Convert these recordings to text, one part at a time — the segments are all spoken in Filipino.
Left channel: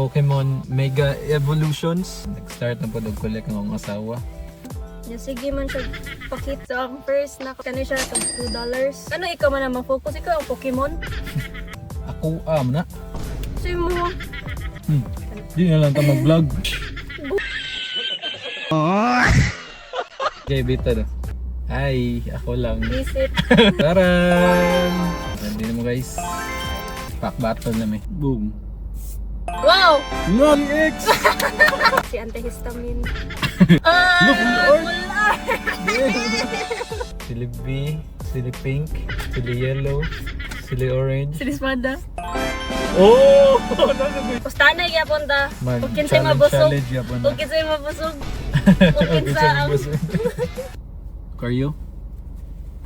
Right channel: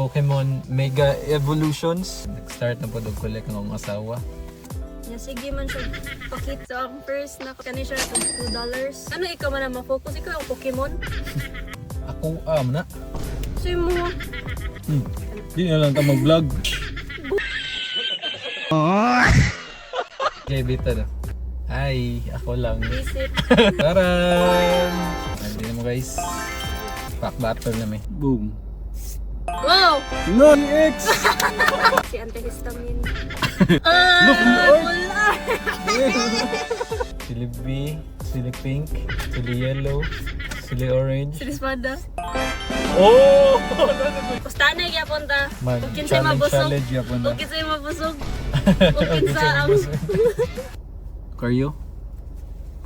Pokemon Mega Evolutions. Nag-start na po ng collect ng mga asawa. Sige man siya pakita. So, ang first na kani siya $2. Ano ikaw man na mag-focus? Ikaw ang Pokemon? Ako, na. Sige mo. Di nga lang ka mag-vlog. Jay, bita na. Hi, ako lang. Visit. Taran! Hindi mo guys. Pack battle na may. Boom. Wow! LOL X! Si antihistamine. Look, Sili B, sili pink, sili yellow, sili orange. Silismada. Oh! Pustanay yapon ta. Kung kinsay mabusog. Kung kinsay mabusog. Kung kinsa ang... Lucario.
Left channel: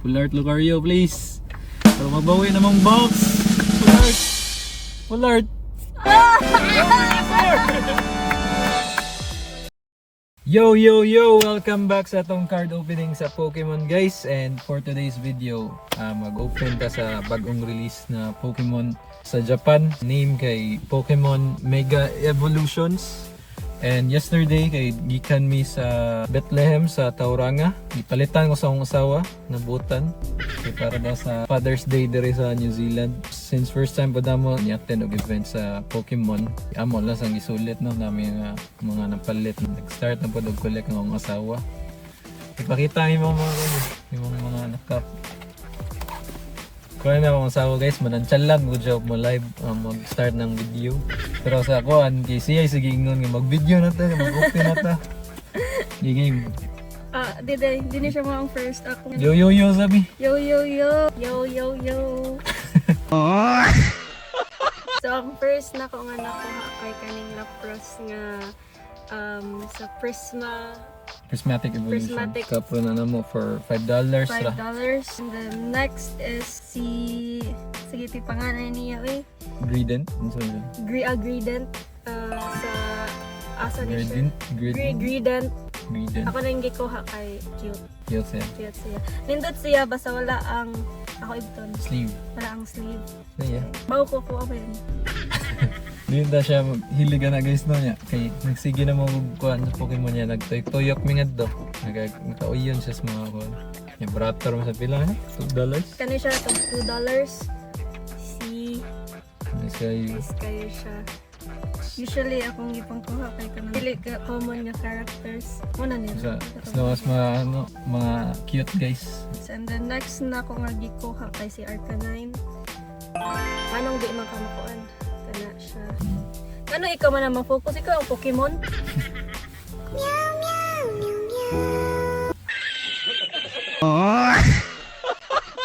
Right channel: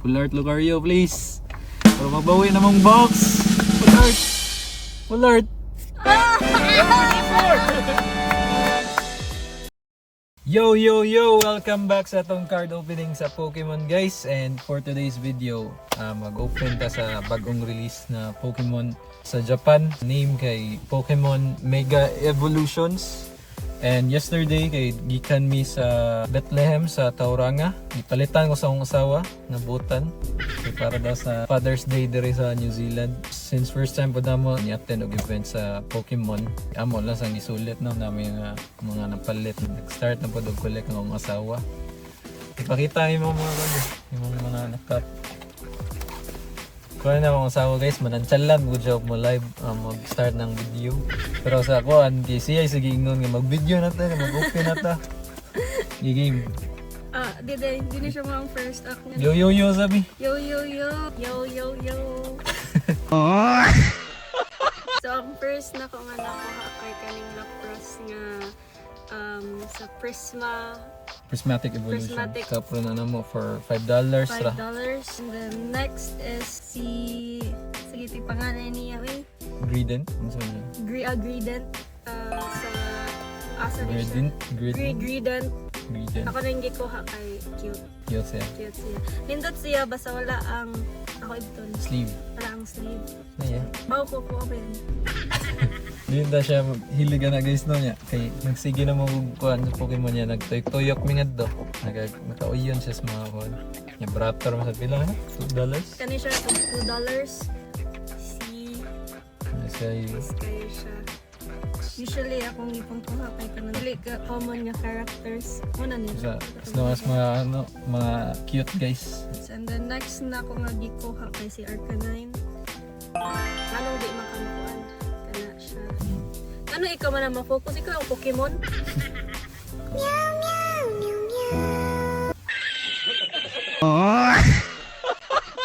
Full art Lucario, please. So, magbawi namang box. Full art. Yo! Welcome back sa atong card opening sa Pokemon guys. And for today's video, mag-open ta sa bagong release na Pokemon sa Japan. Name kay Pokemon Mega Evolutions. And yesterday kay gikan mi sa Bethlehem sa Tauranga. Ipalitan ko sa akong asawa na butan. So, para daw sa Father's Day diri sa New Zealand. Since first time po damo ni-attend og event sa Pokemon. Amo lang sang gisulit no namin mga napalit. Nag-start na po og collect ng akong asawa. Ipakita ni mga mga nakap. Kaya na akong asawa guys, manantsalan mo siya mo live mag-start ng video. Pero sa ako, kay siya sige ingon nga mag-video na ta, mag-open na ta. Giging. Di na siya mga first ako. Yo sabi. Yo. So ang first na ko nga nakuha kay kaning Lapras nga sa Prismatic Evolution. Prismatic. Kapo na namo for $5 $5. ra. And then next is sige ti pangalan niya Gradient. Gradient sa asa ni siya. Gradient. Gradient. Gradient. Ako na yung gikuha kay cute. Cute siya. Cute siya. Nindot siya basta wala ang ako ibton. Sleeve. Wala ang sleeve. Yeah. Bago ko ako yun. Hindi na siya hiligan na guys no niya. Kay nagsige na mo kuan sa Pokemon niya nagtoy-toyok mi ngadto. Nakauyon siya sa mga kuan. Yung bratter mo sa pila $2. Kani siya $2. Siya Kayo siya. Usually akong ipangkuha kay kanang dili ka common nga characters. Una niya. as long as mga cute guys. And then next na ako nga gikuha kay si Arcanine. Anong di makamukuan? Kana siya. Ano ikaw man na mag-focus? Ikaw ang Pokemon?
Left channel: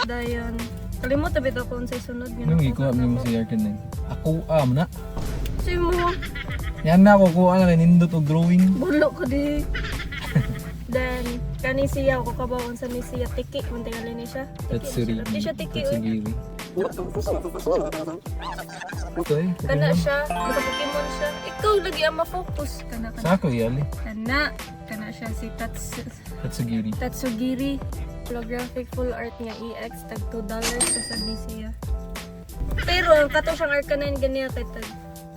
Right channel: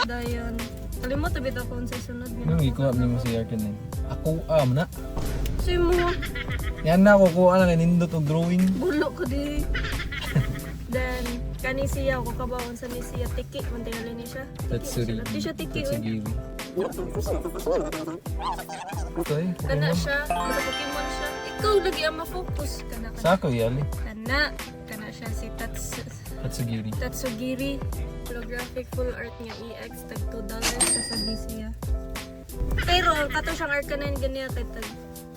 Dayon. Kalimot na bitaw kung sa sunod nga. Anong ikuha mo si Arcanine? Ako na. Sige mo. Yan na ako kuha na nindot og drawing. Bulo ka di. Then, kani siya ako kabawon sa ni siya tiki kung tingali ni siya. Tatsuri. Di siya tiki. Tatsugiri. Okay. Kana siya, basta Pokemon siya. Ikaw lagi ang ma-focus. Kana. Sa ako yan. Kana siya si Tatsugiri. Tatsugiri. Holographic full art niya EX tag $2 sa sabi siya. Pero yung kato siyang Arcanine ganiya kay tag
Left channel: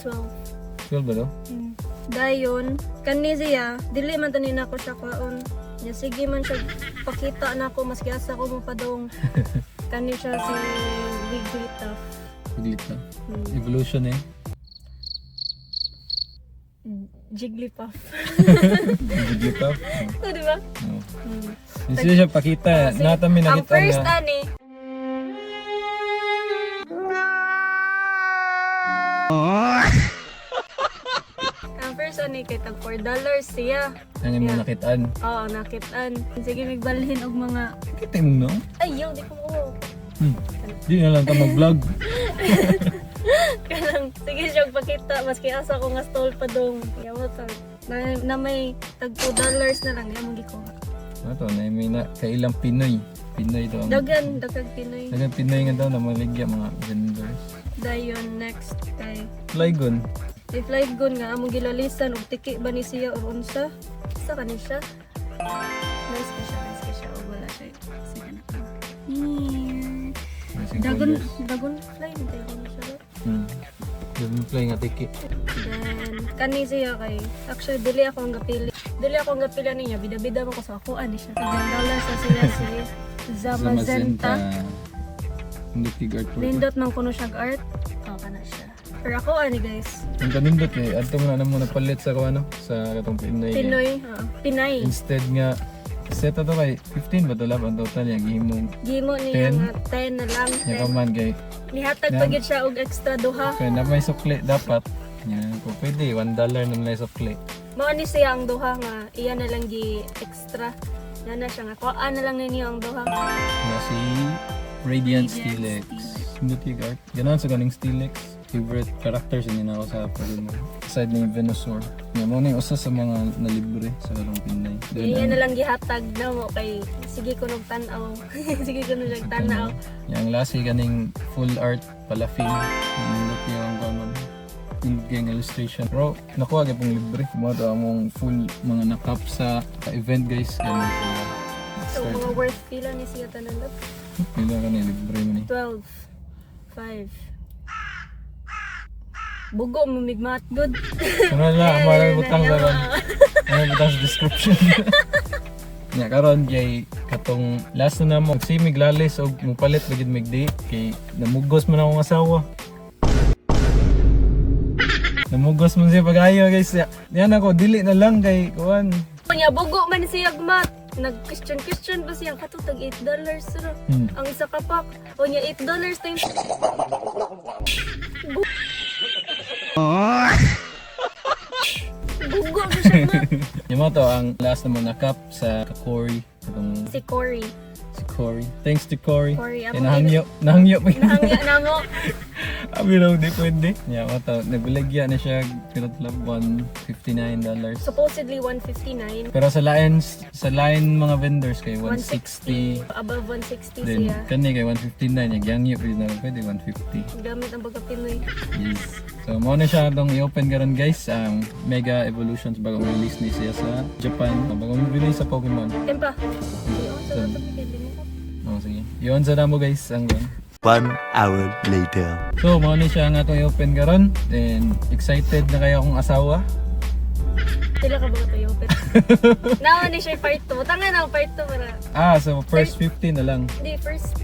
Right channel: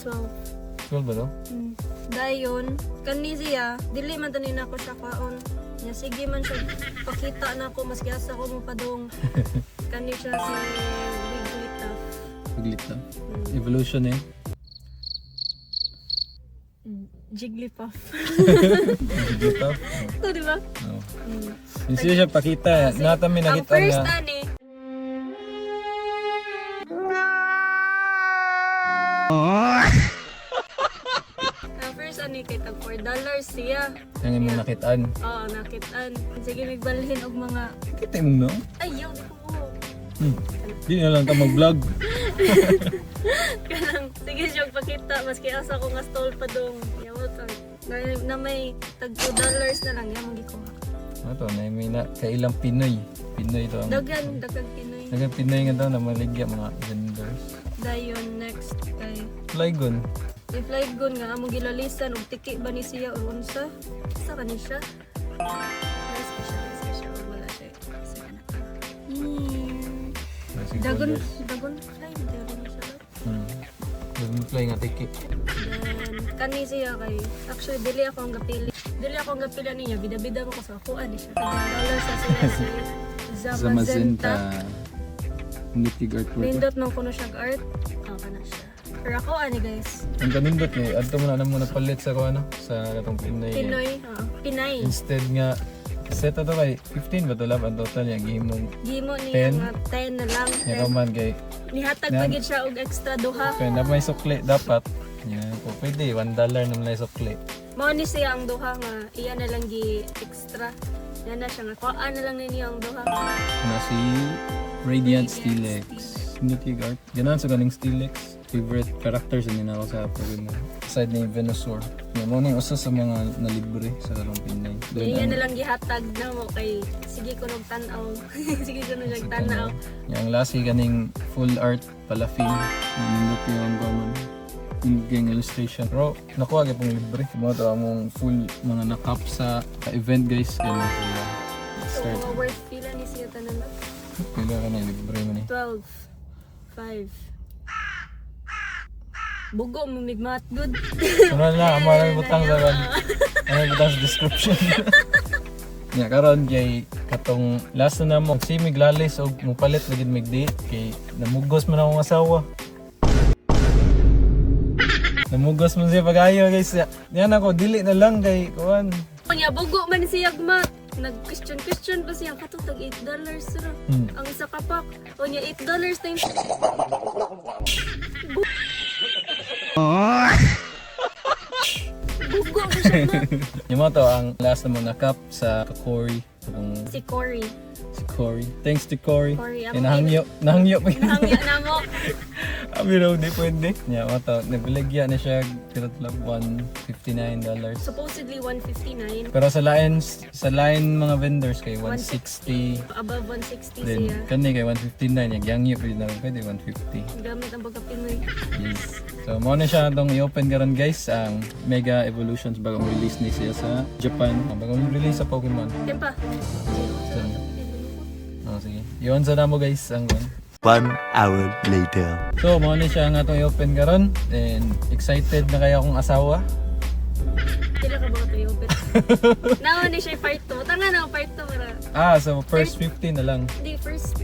12. 12 ba no? Dayon, kani siya, dili man tanin ako siya kwaon. Ya sige man siya pakita na ako maski asa ko mo padong. Kani siya si Wigglytuff. Dito. Evolution eh. Jigglypuff. Dito. Ito di ba? No. Hindi siya pakita. Natami Ang nakita first na. ani. Ang first ani kay tag $4 siya. Ang imo nakitaan. Oo, nakitaan. Sige, magbalhin og mga... Kitin no? Ayaw, di ko mo. Di nga lang ka mag-vlog. Kanang, sige siya pakita. Maski asa ko nga stall pa dong. Yaw, na may tag $2 na lang. Yaw, hindi ko. Ito, may na kailang Pinoy. Pinoy to. Dagan Pinoy. Dagan Pinoy nga daw na maligya mga vendors. Dayon, next kay... Flygon. If like gun nga, among gilalisan, og tiki ba ni siya o unsa? Sa kanin siya? Nice ka siya. Wala siya. Sige na. Dagon fly. Dagon siya. Dragonfly nga tiki. Then, Kani siya kay actually dili ako ang gapili. Dili ako ang gapila niya. Bida-bida mo ko sa ako ani siya. Pagdalaw sa siya si Zamazenta. Mythic artwork. Nindot man kuno siya art. Okay na siya. Pero ako ani guys. Ang kanindot eh. Ato nga na muna palit sa ano sa katong Pinay. Pinoy. Pinay. Instead nga set ato kay 15 ba ito lang ang total yung gihimong Gimo niya 10? nga 10 na lang. ikaw man kay Nihatag pa gid siya og extra duha. kaya na may sukli dapat yan po pwede $1 na may sukli. Mao ni siya ang duha nga iya na lang gi extra. Yan na siya nga kuhaan na lang ninyo ang duha. Na si Radiant Steelix. Mythic art. Ganun sa galing Steelix. Favorite characters yun ako sa Pokemon. Aside ni Venusaur. Yan mo na yung usa sa mga nalibre sa kalong Pinay. Iya na lang gihatag na mo kay sige ko nung tan-aw. Sige ko nung tan-aw. Yung last kay ganing full art pala film. Nandito yung common full gang illustration. Pero nakuha kayo pong libre. Mga ito among full mga nakap sa event guys. Ganun. So mga worth pila ni siya tanan lot? Pila ka na yung libre mo ni. 12 5 Bugo mo migmat good. Ano lang, ang maraming butang sa maraming butang sa description. Nya karon kay katong last na namo si miglalis og mupalit bagid migdi kay namugos man akong asawa. Namugos man siya pag-ayo guys. Yan ako dili na lang kay kuan. Kanya bugo man siya gmat. Nag-question pa siya katutag $8 sir. Ang isa ka pack. Kanya $8 times. Bugo na siya mat. Yung mo to ang last na mo nakap sa Cory. Si Cory. Si Cory. Thanks to Cory. Cory, Kaya nahangyo pa yun. Nahangya na mo. Abi raw di pwede. Nya mo to nagbilagya na siya kirot lang $159. Supposedly 159. Pero sa line mga vendors kay 160. Above 160 Then siya. kani kay 159 yung gangyo yun na pwede 150. Gamit ang baga Pinoy. Yes. So mo na siya itong i-open karon guys ang Mega Evolutions bagong release ni siya sa Japan. Bagong release sa Pokemon. Tempa. Oh, sige. Yun sa damo guys ang 1 hour later. So mo na siya nga itong i-open karon. And excited na kaya akong asawa. Sila ka ba ito yung open? Nawa ni siya part 2. Tanga na part 2 para. So first 50 na lang. Hindi, first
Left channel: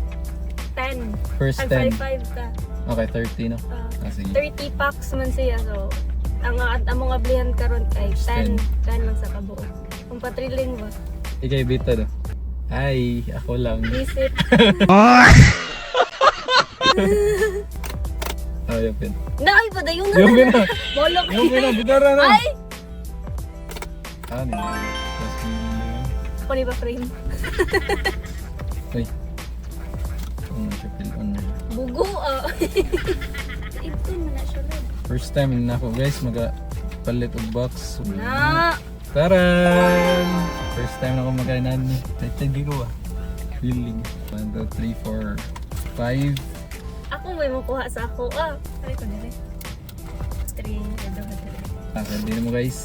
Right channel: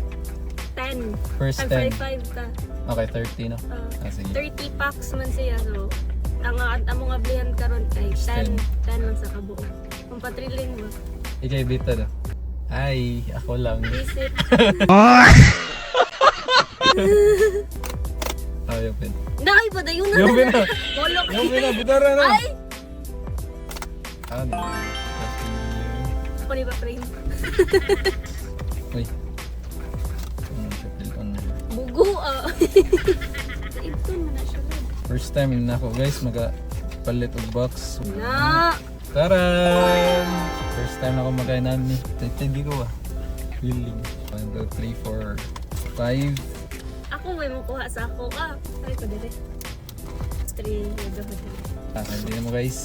10. First Tag 10. 5 ka. Okay, 30 no? Sige. 30 packs man siya. So, ang among ablihan karon kay 10 man sa kabuo. Kung patriling mo. Ikay bita do. Ay, ako lang. Visit. Ay, open. Naay pa dayon na. Yung na. Bolok. Yung na, butara na. Ay! Ano? Ako ni ba frame? Ay. Bugo ah. Ito mo na siya. First time na ako guys palit og box. Na! Taran! First time na ako magkainan. Hindi ko feeling. 1, 2, 3, 4, 5. Ako may makuha sa ako. Ay ko dili. String. Hindi na mo guys.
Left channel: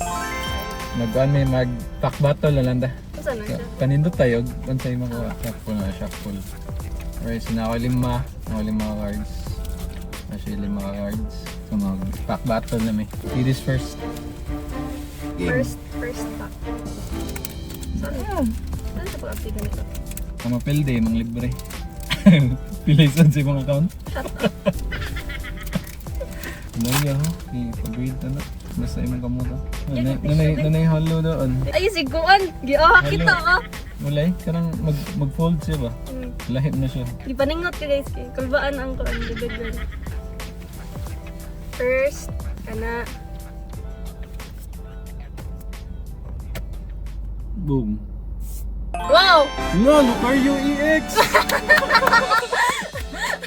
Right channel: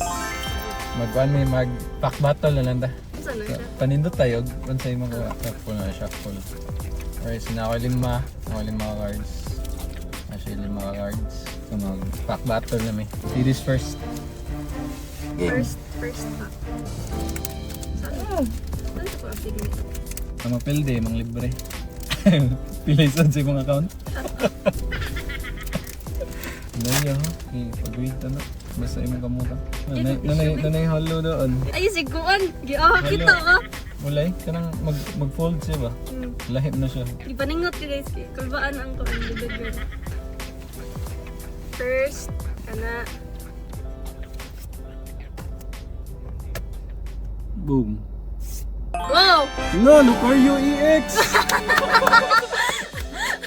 Mag-pack battle na lang da. Saan na siya? Panindot tayo. Kung sa'yo mga shuffle na shuffle. Alright, so na ako 5 cards. Actually 5 cards. So mag-pack battle na may. Ladies first. First pack. Saan na? Saan ko update ganito? Ang mapilde, mga libre. Pilaisan sa ibang account. Ano yan ha? Pag-wait na. Basta imong kamura. Nanay halo doon. Ay, siguan! Giaha kita ka! Mulay, kanang mag-fold siya ba? Lahit na siya. Di paningot ka guys. Kulbaan ang ko. First, kana. Boom. Wow! LOL! RUEX!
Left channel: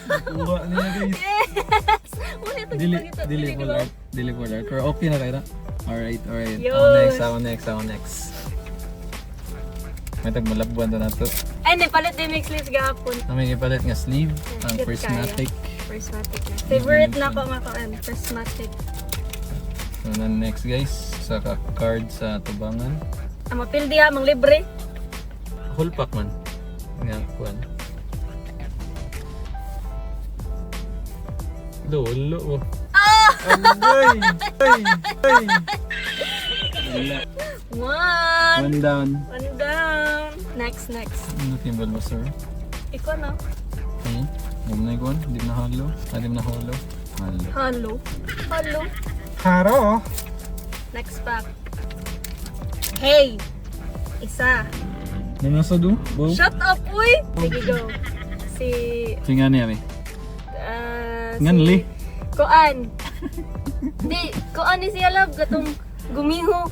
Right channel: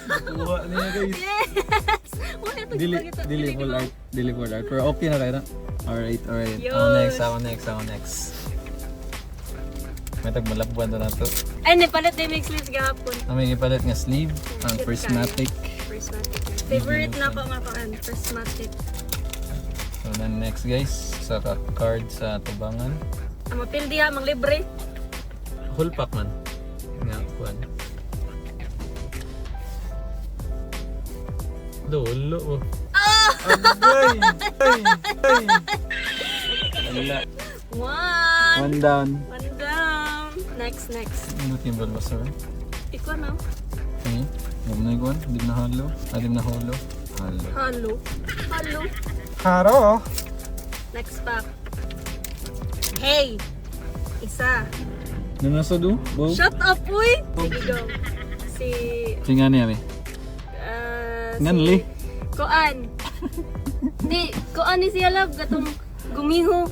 Nakuha na guys. Yes! Muna ito gipagito. Dili di ba? Dili ko lang. Pero okay na kayo na. Alright. Yun. Ako next. May tagmalabwan to na to. Ay, napalit na yung mix sleeves gahapon. May ipalit nga sleeve. Ang Cute prismatic. Prismatic. Favorite na ako nga kaan. Prismatic. So na next guys. Saka card sa tubangan. Ang mapildi ha, mang libre. Whole pack man. Nga, kuhan. Lolo. Agay! Ay! Ay! Wala. One. One down. One down. Next. Ano team Bulbasaur? Ikaw na. Okay. Yung nag-one. Hindi na halo. Hindi na halo. Halo. Hello. Haro! Next pack. Hey! Isa. Ano nasa doon? Go. Shut up, uy! Sige, go. Si... Tingnan niya eh. Nganli? Koan. Di, Koan ni siya love. Gatong gumiho.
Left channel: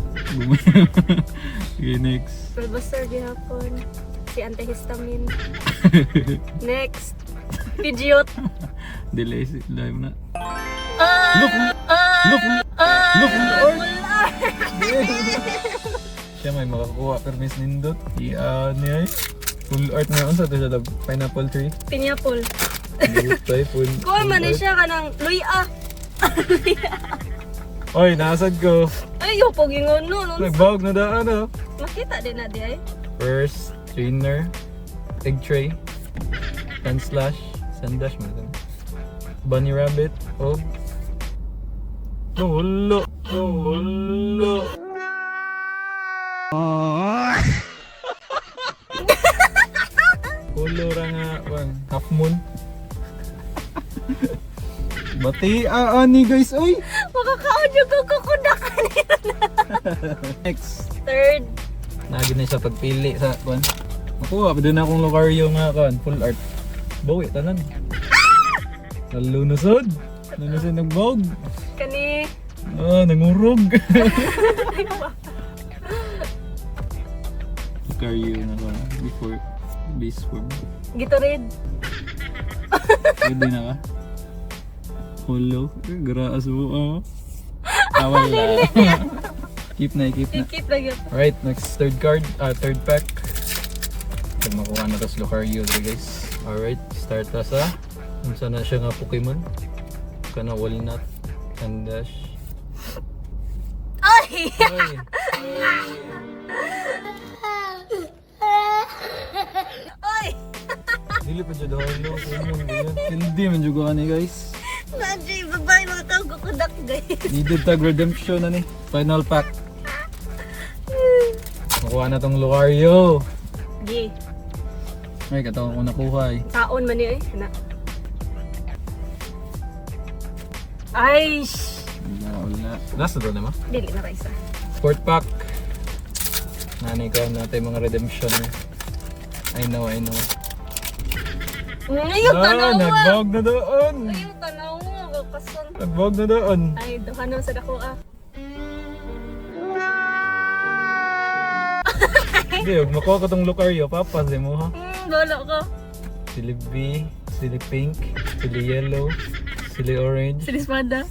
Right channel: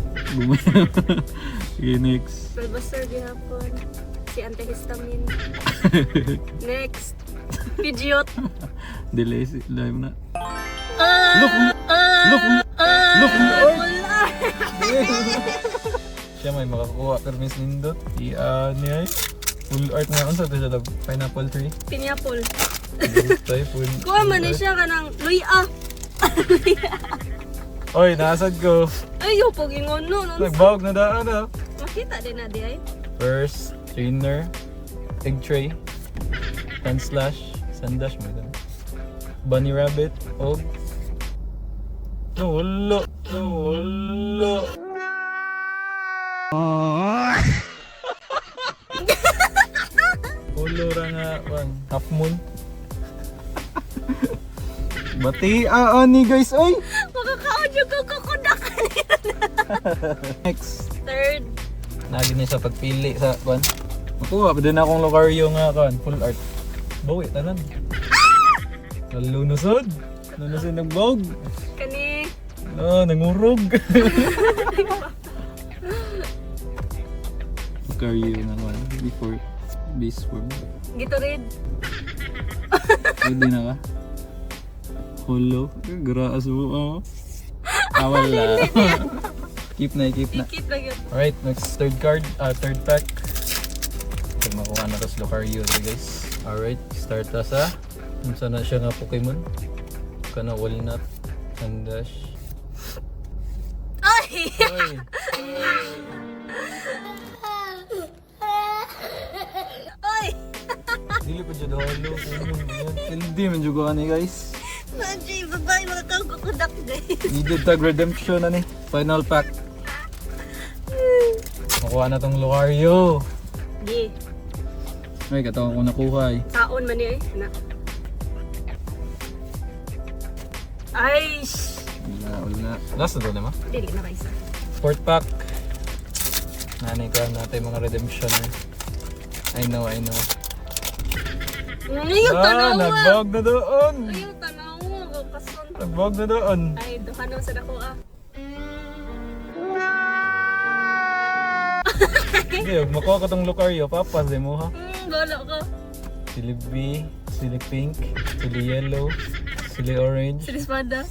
Okay, next. Bulbasaur gihapon. Si antihistamine. Next. Pidgeot. Delay si live na. Look! Wala! Siya may makakuha pero miss nindot. Niya eh. Full art na unsa to sa pineapple tree. Pineapple. Lutay full. Kuha man ni siya ka ng luya. Oy, nasad ko. Ay, yung pagingon no. Nagbawag na daan ah. Makita din na di ay. First, trainer, egg tray, sun slash, sundash mo ito. Bunny rabbit, oh. Wala. Ulo ra nga, wang, half moon. Bati, ani guys, oy! Makaka-audio ko kukudakan nila. Next. Third. Nagi na siya pagpili sa kwan. Nakuha pa din akong Lucario nga kwan, full art. Bawi, tanan. Nalunasod. Nalunasod ng bog. Kani. Nangurog. Lucario na nga, before base form. Gatorade. Hindi na ka? Holo. Graas mo. Tama na. Keep na. Keep na yun. Alright, next third pack. Pwede makuha na tas Lucario guys. Alright, start ta sa unsa na siya nga Pokemon. Kana Walnut, Sundash. Ay! Oy, Ay! dili pa jud holo. Hindi man jud ko ani guys. Nandiyo yung babae mga tao kukudak guys. Needed tag redemption na ni. Final pack. Makuha na tong Lucario. Di. Ay, katong ako nakuha eh. Taon man niya eh. Na. Ay! Wala. Last na to naman. Dili na kaisa. Fourth pack. Nanay ko natin mga redemption eh. I know. Yung tanaw mo! Nagbawag na doon. Ay, yung tanaw mo! Kason. Nagbawag na doon. Ay, duhanon sa dako ah. Hindi, makuha ko tong Lucario. Papansin mo ha. Wala ka. Sili B, sili pink, sili yellow, sili orange. Sinispada.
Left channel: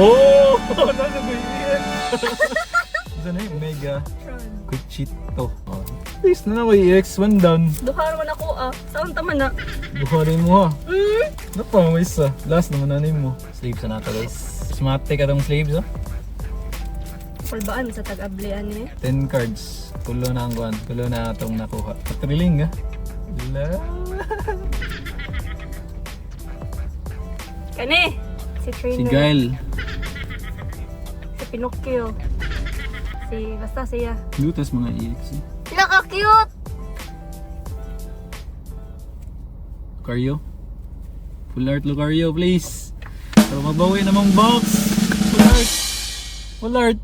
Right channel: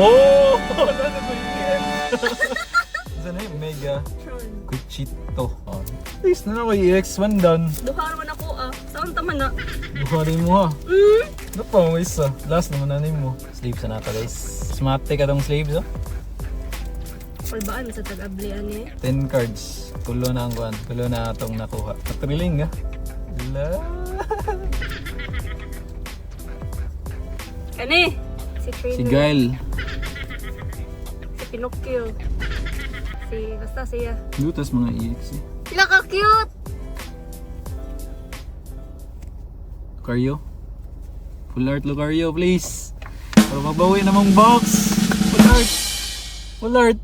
Oh! Ito na yung Mega Cuchito. Oh. Please na may EX1 down. Duharon man ako ah. Saan tama na? Buharin mo ha. Ano pa mo isa? Last naman nanin mo. Sleeves na nata guys. Smarte ka tong sleeves ha. Pulbaan sa tag-ablian eh. 10 cards. Pulo na ang guwan. Pulo na itong nakuha. Thrilling ha. Wala. Kani? Si Trainer. Si Gail. Si Pinocchio. Basta siya. Lutas mga EX eh. Naka-cute! Lucario. Full art Lucario please. So mabawi namang box. Full art.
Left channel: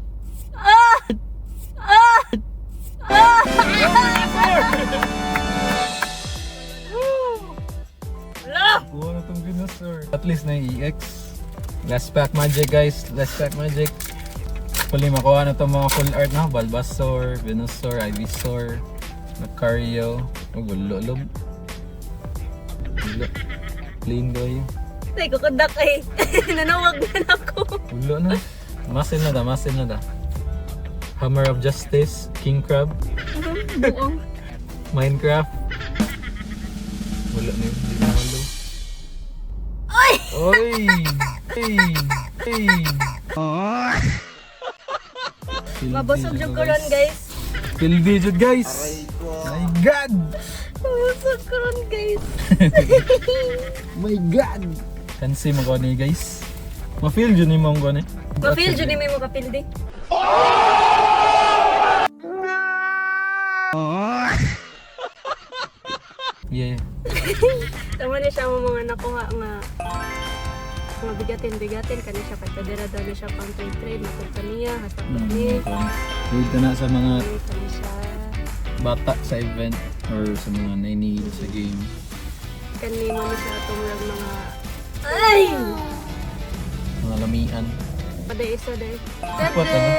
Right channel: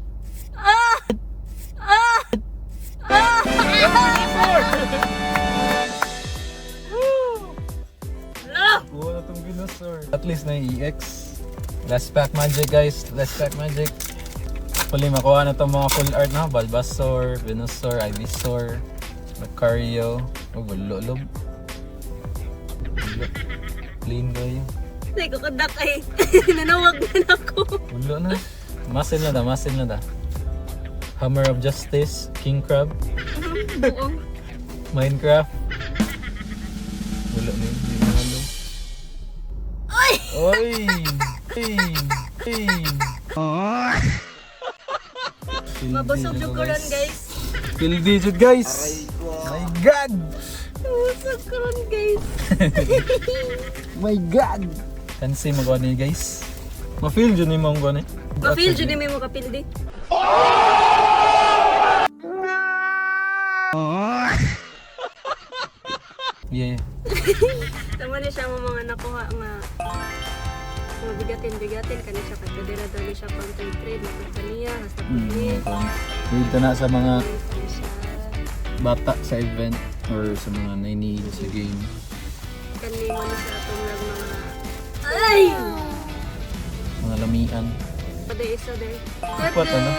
Kuha na tong Venusaur. At least na yung EX. Last pack magic guys. Last pack magic. Hopefully makuha na tong mga full art na. Bulbasaur, Venusaur, Ivysaur, Lucario. Gulo-lob. Gulo. Clean boy. Ay, kukudak ay. Nanawag na ako. Gulo na. Masin na da. Hammer of Justice, King Crab, Buong. Minecraft. Gulo na yun. Halo. Ay! Oy! Hey! Mabusog yung kuron guys. Pildi jud guys. My God! Mabusog kuron guys. My God! Kansi mo ko ni guys. Ma-feel dyan yung mga gano'n. Ma-feel dyan may mga kapildi. Yeah. Tama na siya mo mga nakuha nga mga bigatin kani siya kadira dali siya pang trade na kaniya hasta niya. Dito na sa mga Kani siya bata sa event or sa mga nainihilig sa game. kani mo ni sa atong mga ay Mga lamian. pada isa day. Apat ano?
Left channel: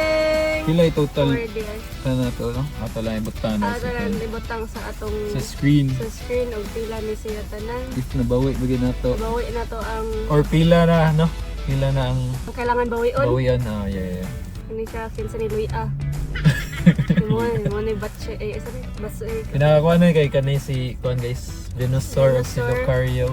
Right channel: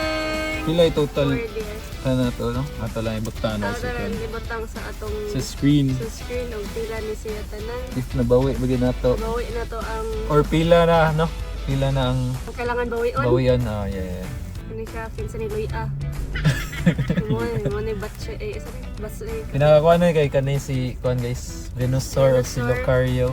Pila yung total? Pwede. Ano to? No? Ato lang yung butana Aron ibutang sa atong sa screen. sa screen og pila ni siya tanan. If nabawi, bagay na to. Bawi na to ang Or pila na, no? Pila na ang kailangan bawion. bawian. Ah, yeah. Kani siya kinsa ni Luia. Mo ni batche isa ni baso Pinakakuha na kay kanay si Kuan guys. Venusaur o si Venusaur. Lucario.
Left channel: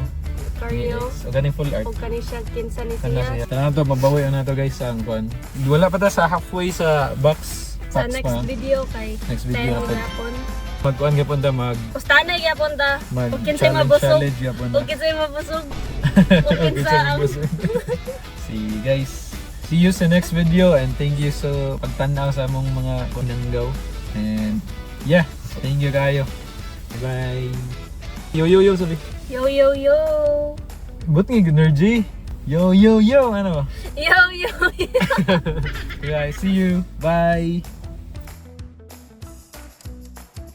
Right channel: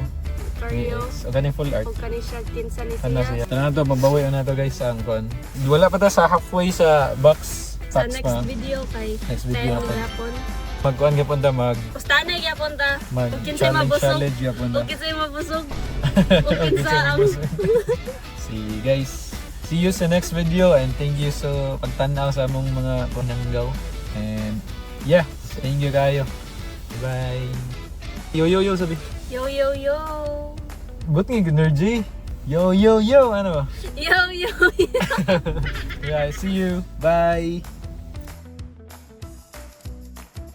Cario. O ganing full art. Og kani siya kinsa ni Ano siya. siya? Ano to, mabawi na to guys ang Kuan. Wala pa to sa halfway sa box. Sa Packs next pa. video kay Next video time natin. yapon. Magkuan niya punta Ustana gyapon ta. mag Ug kinsay mabusog. challenge niya punta. Ug kinsay mabusog. Ug kinsa ang See guys. See you sa next video and thank you so pagtanaw sa among mga pananggaw. And yeah, thank you kayo. Bye. Yo sabi. yo yo yo. But nga energy. Yo ano? Yo yo. Yeah, see you. Bye.